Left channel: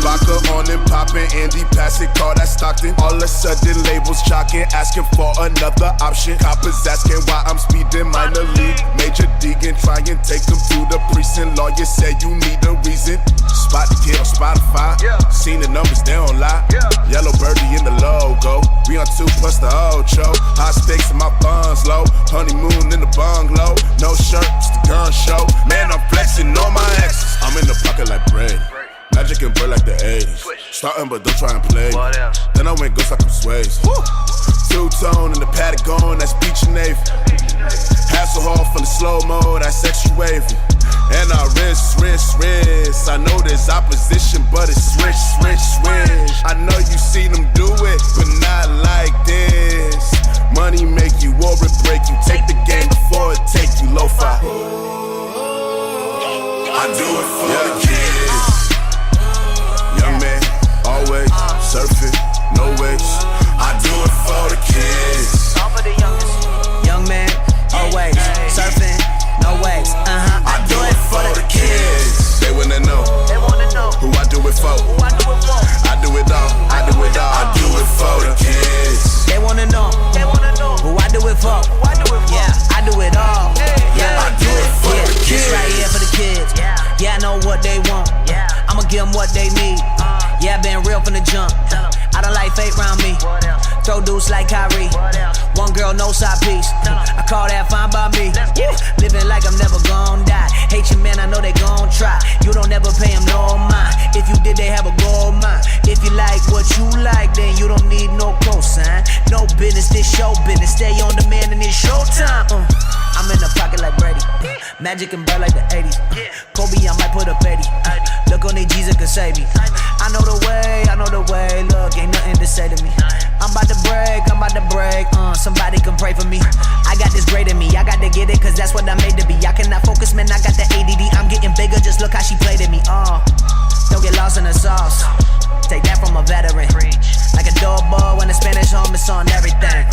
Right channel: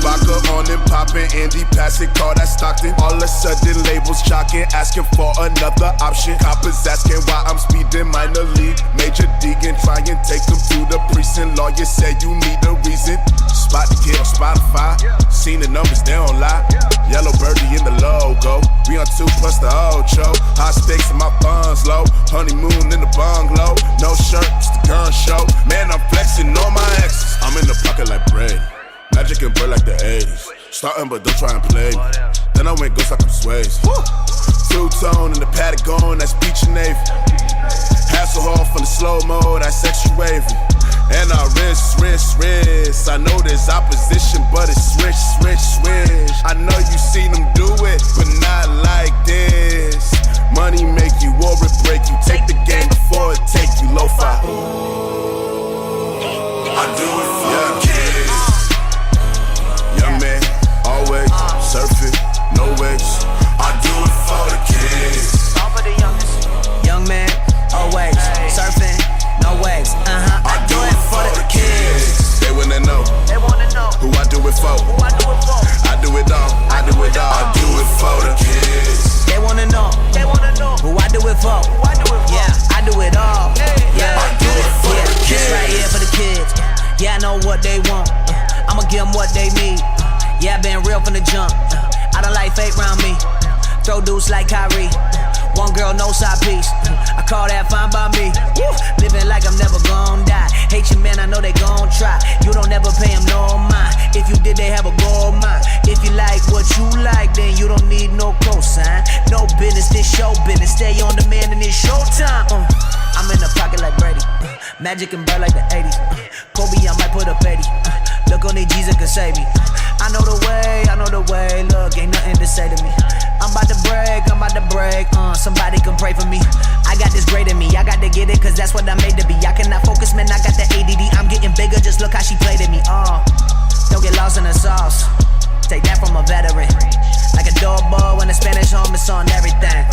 vodka on and popping. Andy passing call that Stockton. All of a sudden labels jocking, asking for another option. Coppers asking why I'm speeding minor league. Major Deegan try and take them to the precinct. Lawyer said you need a reason. Spot the kid on Spotify. Seen the numbers, they don't lie. Yellow birdie in the logo. We on 2 plus the Ocho. High stakes and my funds low. Honeymoon in the bungalow. No shirt, it's the gun show. Man, I'm flexing on my exes. I'm in the pocket like Brady. Magic and bird like the 80s. Starting but don't try and play me. Then I went ghost like I'm Swayze. Two-tone in the Patagon, that's beach and Navy. Hasselhoff from the slow-mo, that's extra wavy. And I wrist. I know there's opposition, but it's swish. I know you seen them do it, but not like this. Money make you or it break you. Take the game before it take you lo-fi. I do it for the kids. Young man, always surfing, no waves. I do it for the kids. All for the youngest. Young man, always surfing, no waves. I do it for the kids. They wanna know who I do it for. I do it all. I do it for the kids. They wanna know who I do it for. Yeah, I do it all. Yeah, I do it for the kids. This right here for the kids. Yeah, I know what they want. I'ma give them what they need. Yeah, I been real from the jump. I don't like fake round me. Throw dudes like Kyrie. One girl, no side piece. I call that fine by me. Living like I'm never gon' die. Hate you, man, I know they gon' try. You don't ever pay them no mind. If you did, they have a gold mine. If you like what you like, then you don't need no cosign. No business, this show business. Stay on demand and it's showtime. I'm in the pocket like Brady. Magic and bird like the 80s. Kobe, I might put up 80. Look on these Jesus can save me. I know the way. Look, ain't nothing to say to me. I'm about to break. Somebody can pray for me. I got this great in me. I got to get it, cause that's what I'm made to be. I cannot focus, man. I got the ADD. I'm getting bigger. Just look how she played at me. Don't get lost in the sauce. Take that from a veteran. Like a doorbell when the Spanish home is on everything.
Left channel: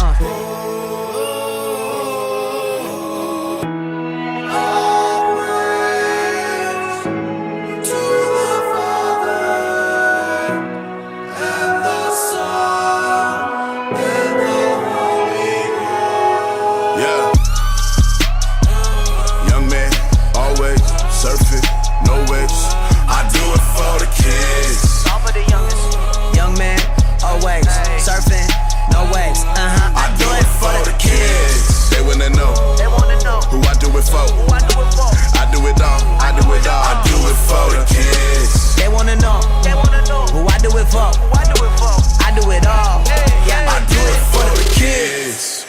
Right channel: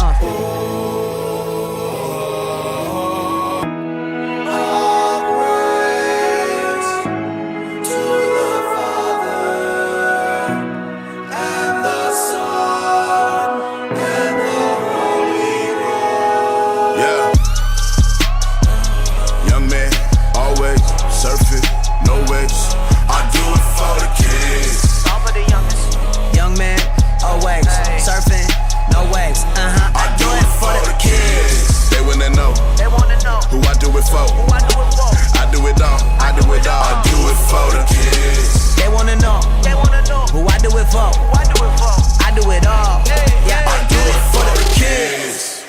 Surfing, no waves. I do it for the kids. They wanna know who I do it for. I do it all. I do it for the kids. They wanna know who I do it for. I do it all. Yeah, I do it for the kids.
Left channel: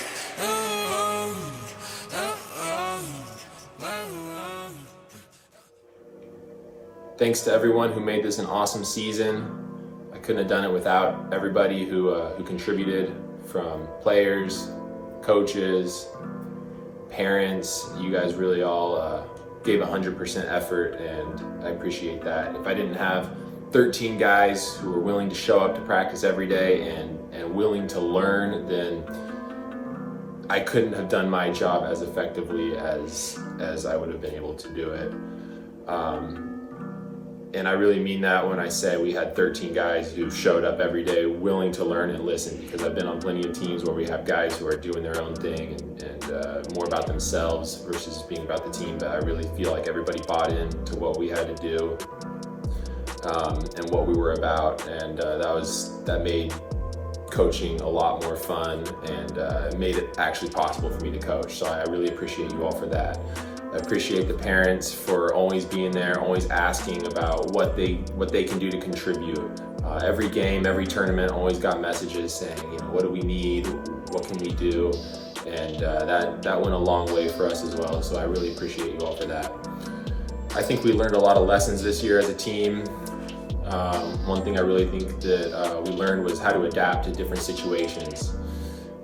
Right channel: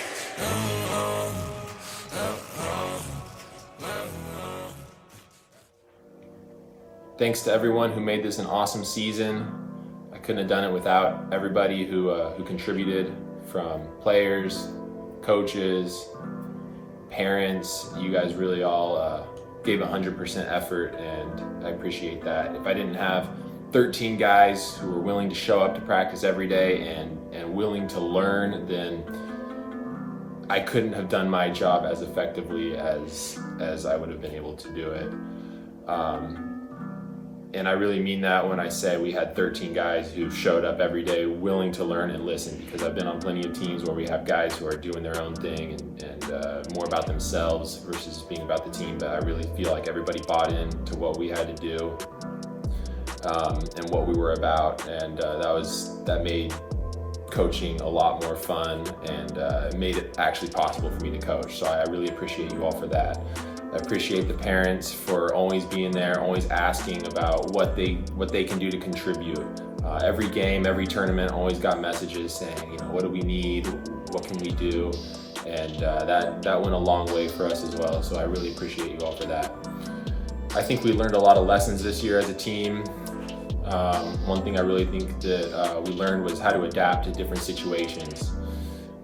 Thanks to everyone who made this an awesome season. I couldn't have done it without everybody who contributed, from players, coaches, parents. You guys really all gave 100% effort, and I appreciate that. If I didn't have 13 guys who were willing to show up to practice every day and willing to learn, then I couldn't have done my job as effectively as I would have been able to do it. And I really mean that when I say we had 13 guys who showed up every day willing to learn and listen, because I've been on plenty of teams where we have guys who are doing their own thing and more about themselves versus being about the team. But I really feel like everybody bought into what we had to do and what we were about, and that made coaching a lot more fun, and it made it actually possible for me to coach. So I really appreciate you all for that. I appreciate the parents for always being there, always asking about what they can do to contribute. Every game, every tournament, always got messages saying, what do we need? What can we do? And that went a long way for us as well. So I really appreciate you all for that. I think we learned a lot of lessons this year as a team. One thing I really think that we learned was how to adapt to different situations.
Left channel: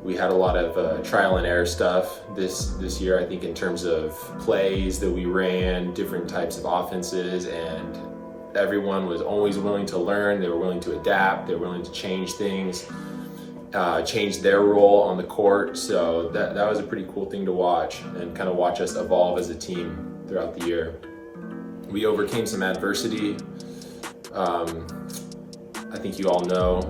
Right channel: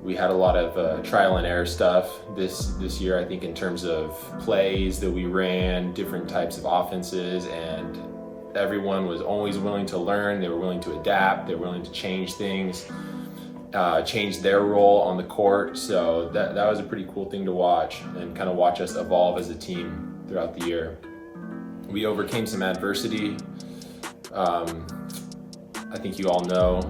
We had a lot of trial and error stuff this year, I think, in terms of plays that we ran, different types of offenses, and everyone was always willing to learn. They were willing to adapt. They were willing to change things, change their role on the court. So that was a pretty cool thing to watch, and kind of watch us evolve as a team throughout the year. We overcame some adversity. I think you all know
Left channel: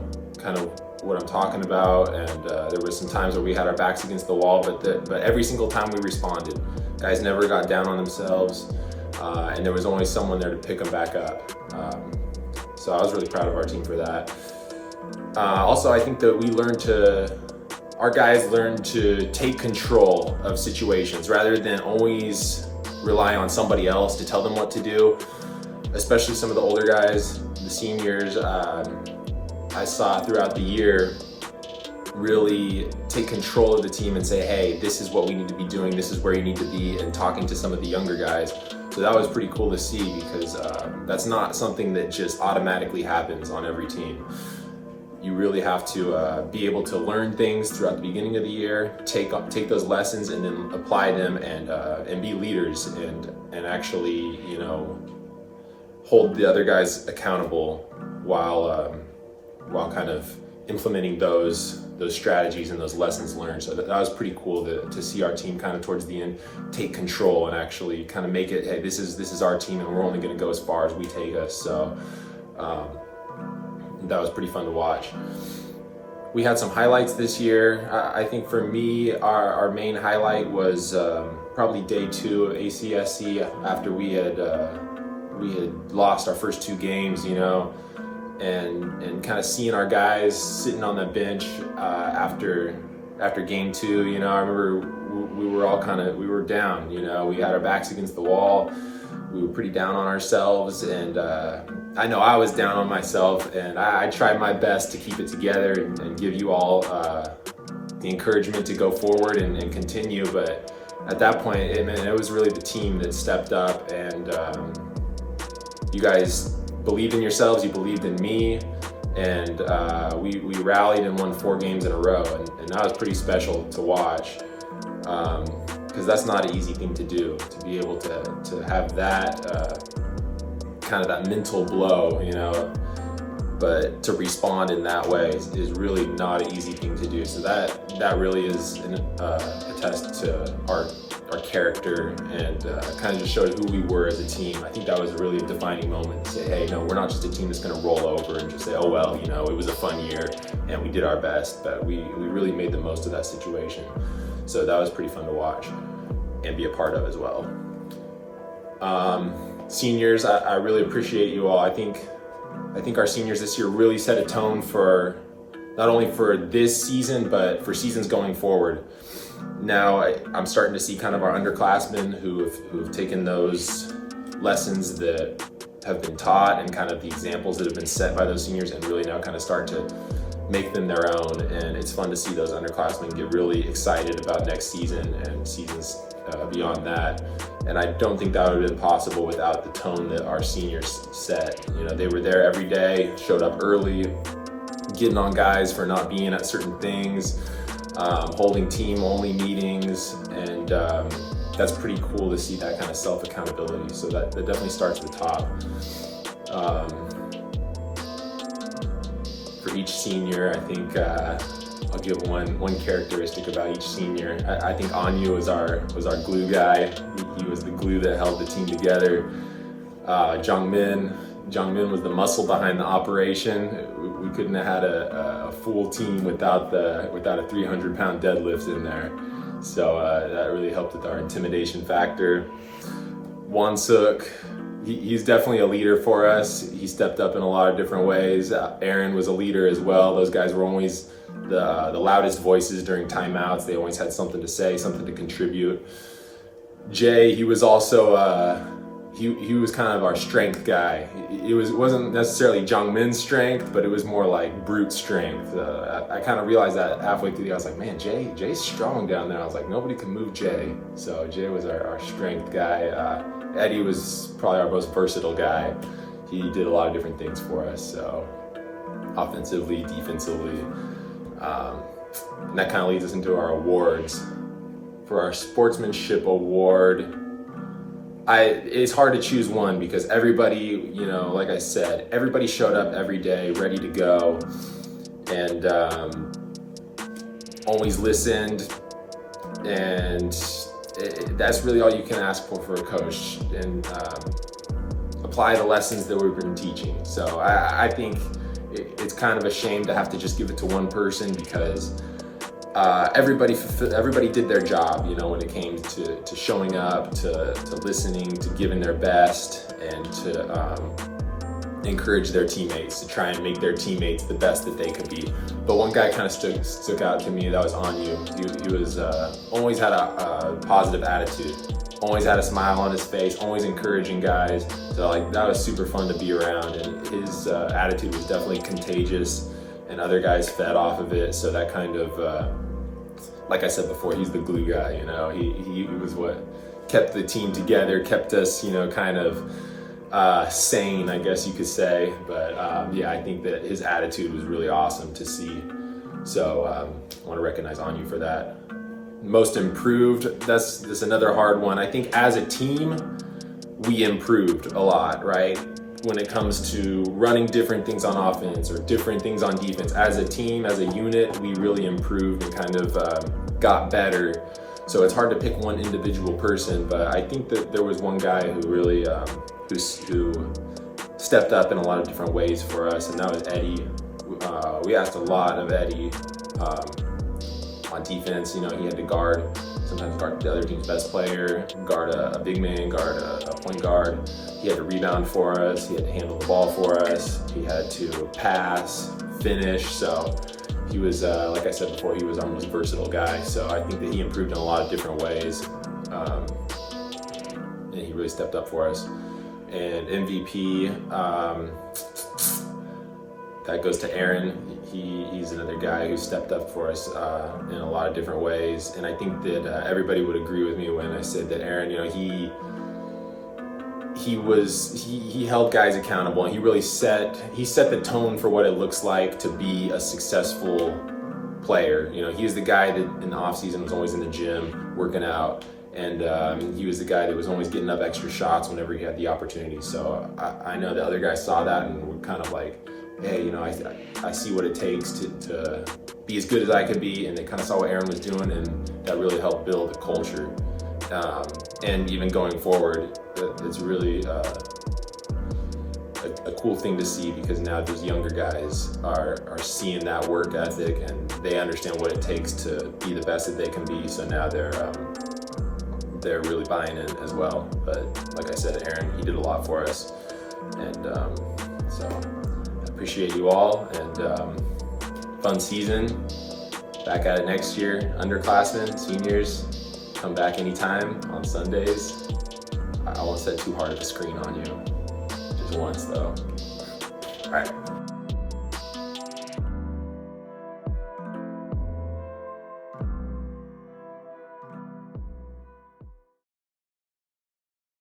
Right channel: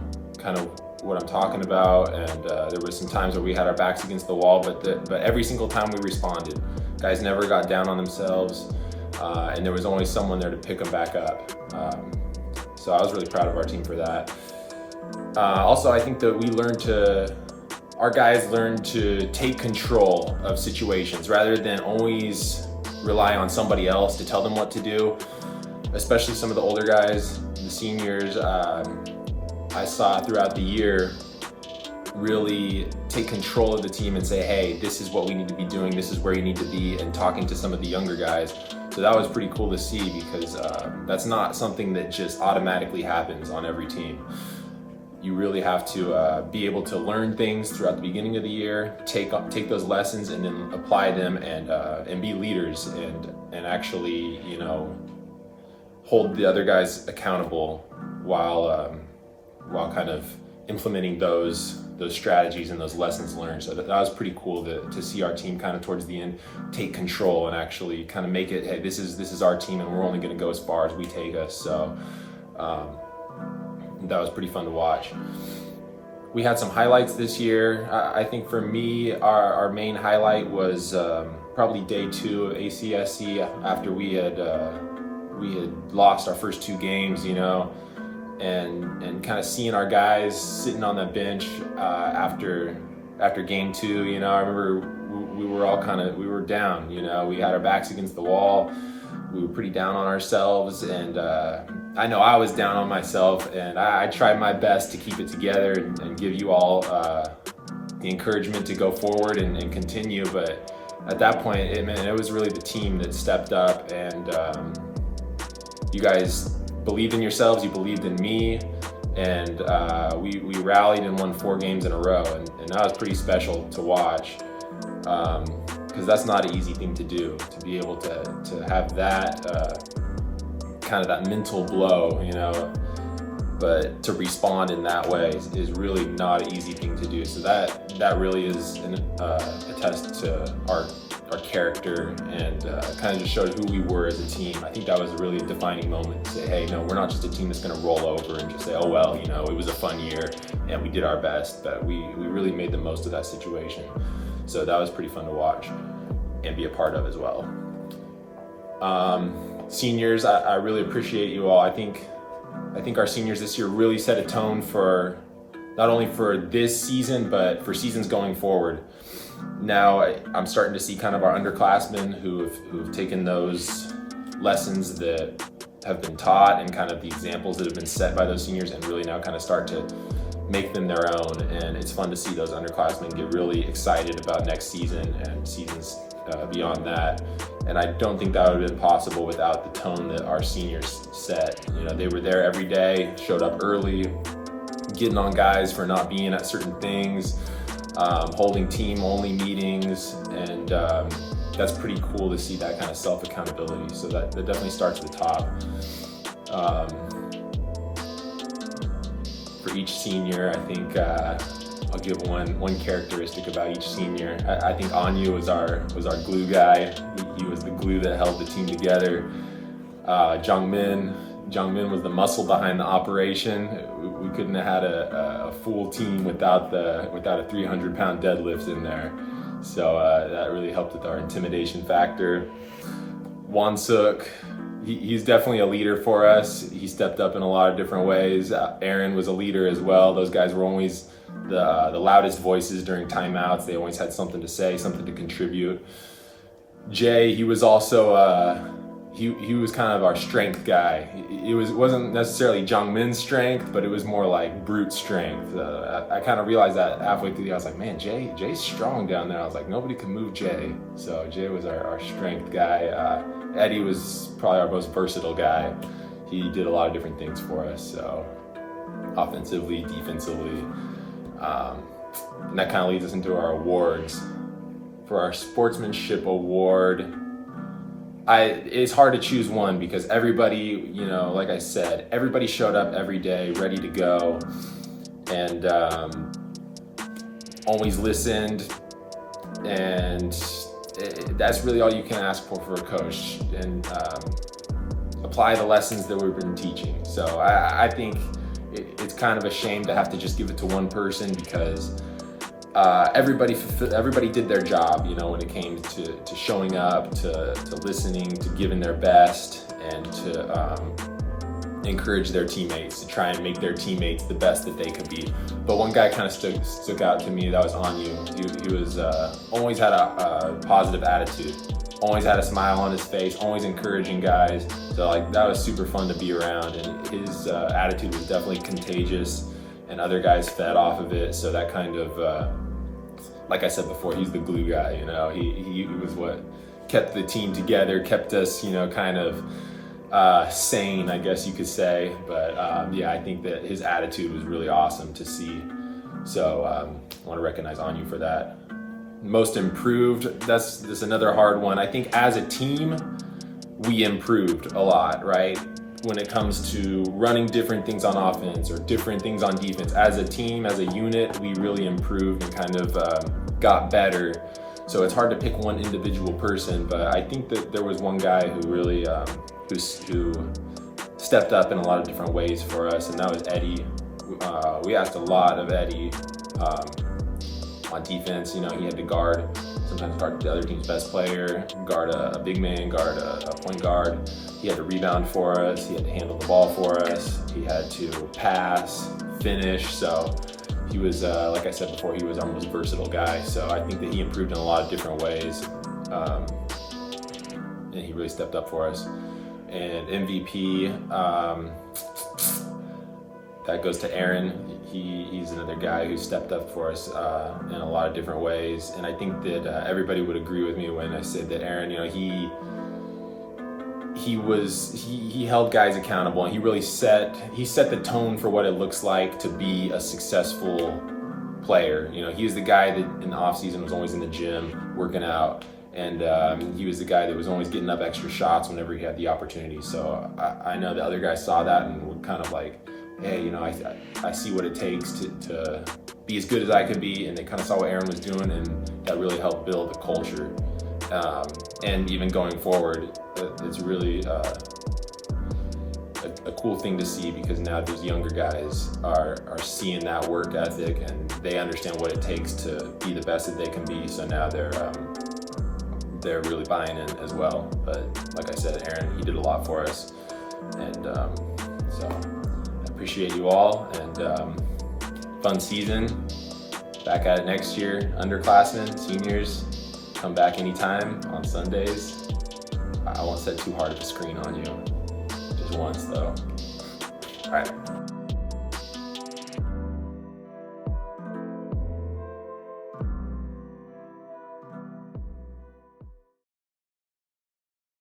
kind of what I'm talking about, and there were some times where we had our backs against the wall, but every single time we responded. Guys never got down on themselves, and there was always someone there to pick them back up. So I was really proud of our team for that. Also, I think that our guys learned to take control of situations rather than always rely on somebody else to tell them what to do, especially some of the older guys, the seniors. I saw throughout the year really take control of the team and say, hey, this is what we need to be doing, this is where you need to be, and talking to some of the younger guys. So that was pretty cool to see, because that's not something that just automatically happens on every team. You really have to be able to learn things throughout the beginning of the year, take those lessons and then apply them, and be leaders, and actually, you know, hold the other guys accountable while kind of implementing those strategies and those lessons learned. So that was pretty cool to see our team kind of towards the end take control and actually kind of make it, hey, this is our team, and we're only going to go as far as we take us. So that was pretty fun to watch. We had some highlights this year. I think for me, our main highlight was probably day 2 of ACSC, after we had lost our first 2 games, you know, and kind of seeing our guys sitting on the bench after game 2. You know, I remember we were down. You know, we had our backs against the wall. We were pretty down on ourselves, and I know I was down on myself, and I tried my best to keep it together and give you all the encouragement to go forward and continue. But at that point, it was really the team that stepped up, and you guys believed in yourselves, you believed in me, and we rallied and won 4 games in a row, and that was pretty special to watch, because that's not an easy thing to do, to be able to have that kind of that mental blow, you know, but to respond in that way is really not an easy thing to do. So that really is a test to our character, and kind of just showed who we were as a team. I think that was really a defining moment to say, hey, no, we're not just a team that's going to roll over and just say, oh well, you know, it was a fun year and we did our best, but we really made the most of that situation. So that was pretty fun to watch and be a part of as well. Seniors, I really appreciate you all. I think our seniors this year really set a tone for not only for this season, but for seasons going forward. Now I'm starting to see kind of our underclassmen who've taken those lessons that have been taught and kind of the examples that have been set by those seniors, and really now kind of start to make them their own. And it's fun to see those underclassmen get really excited about next season and seasons beyond that. And I don't think that would have been possible without the tone that our seniors set. You know, they were there every day, showed up early, getting on guys for not being at certain things, holding team-only meetings, and that's pretty cool to see that kind of self-accountability. So that definitely starts at the top. For each senior, I think I'll give one characteristic about each senior. I think Anyu was our glue guy. He was the glue that held the team together. Jungmin was the muscle behind the operation. We couldn't have had a full team without a 300-pound deadlift in there. So that really helped with our intimidation factor. Wansuk, he's definitely a leader for us. He stepped up in a lot of different ways. Aaron was a leader as well. Those guys were always the loudest voices during timeouts. They always had something to say, something to contribute. Jay, he was also he was kind of our strength guy. It wasn't necessarily Jungmin's strength, but it was more like brute strength. I kind of realized that halfway through. I was like, man, Jay's strong down there. I was like, nobody can move Jay. So Jay was our strength guy. Eddie was probably our most versatile guy. He did a lot of different things for us. So offensively, defensively. And that kind of leads us into our awards. For our sportsmanship award, it's hard to choose one because everybody, you know, like I said, everybody showed up every day ready to go, and always listened, and that's really all you can ask for a coach, and apply the lessons that we've been teaching. So I think it's kind of a shame to have to just give it to one person because everybody did their job, you know, when it came to showing up, to listening, to giving their best, and to encourage their teammates, to try and make their teammates the best that they could be. But one guy kind of stuck out to me, that was Anu. He was always had a positive attitude, always had a smile on his face, always encouraging guys. So like that was super fun to be around, and his attitude was definitely contagious, and other guys fed off of it. So that kind of, like I said before, he's the glue guy. You know, he was what kept the team together, kept us, you know, kind of sane, I guess you could say. But yeah, I think that his attitude was really awesome to see. So I want to recognize Anu for that. Most improved, that's another hard one. I think as a team, we improved a lot, right? When it comes to running different things on offense or different things on defense. As a team, as a unit, we really improved and kind of got better. So it's hard to pick one individual person, but I think that there was one guy who really who stepped up in a lot of different ways for us, and that was Eddie. We asked a lot of Eddie on defense. You know, he had to sometimes guard the other team's best player, guard a big man, guard a point guard. He had to rebound for us, he had to handle the ball for us, he had to pass, finish. So he was, like I said before, he was our most versatile guy. So I think that he improved in a lot of different ways, and he really stepped up for us. And MVP, that goes to Aaron. He's another guy who stepped up for us in a lot of different ways. And I think that everybody would agree with me when I said that Aaron, you know, he held guys accountable, and he really set the tone for what it looks like to be a successful player. You know, he was the guy that in the off season was always in the gym working out. And he was the guy that was always getting up extra shots whenever he had the opportunity. So I know the other guys saw that and were kind of like, hey, you know, I see what it takes to be as good as I could be. And they kind of saw what Aaron was doing, and that really helped build the culture. And even going forward, it's really a cool thing to see, because now these younger guys are seeing that work ethic, and they understand what it takes to be the best that they can be. So now they're really buying in as well. But like I said, Aaron, he did a lot for us, and so I appreciate you all, and fun season. Back at it next year. Underclassmen, seniors, come back anytime on Sundays. I won't set too hard of a screen on you, just once though. All right.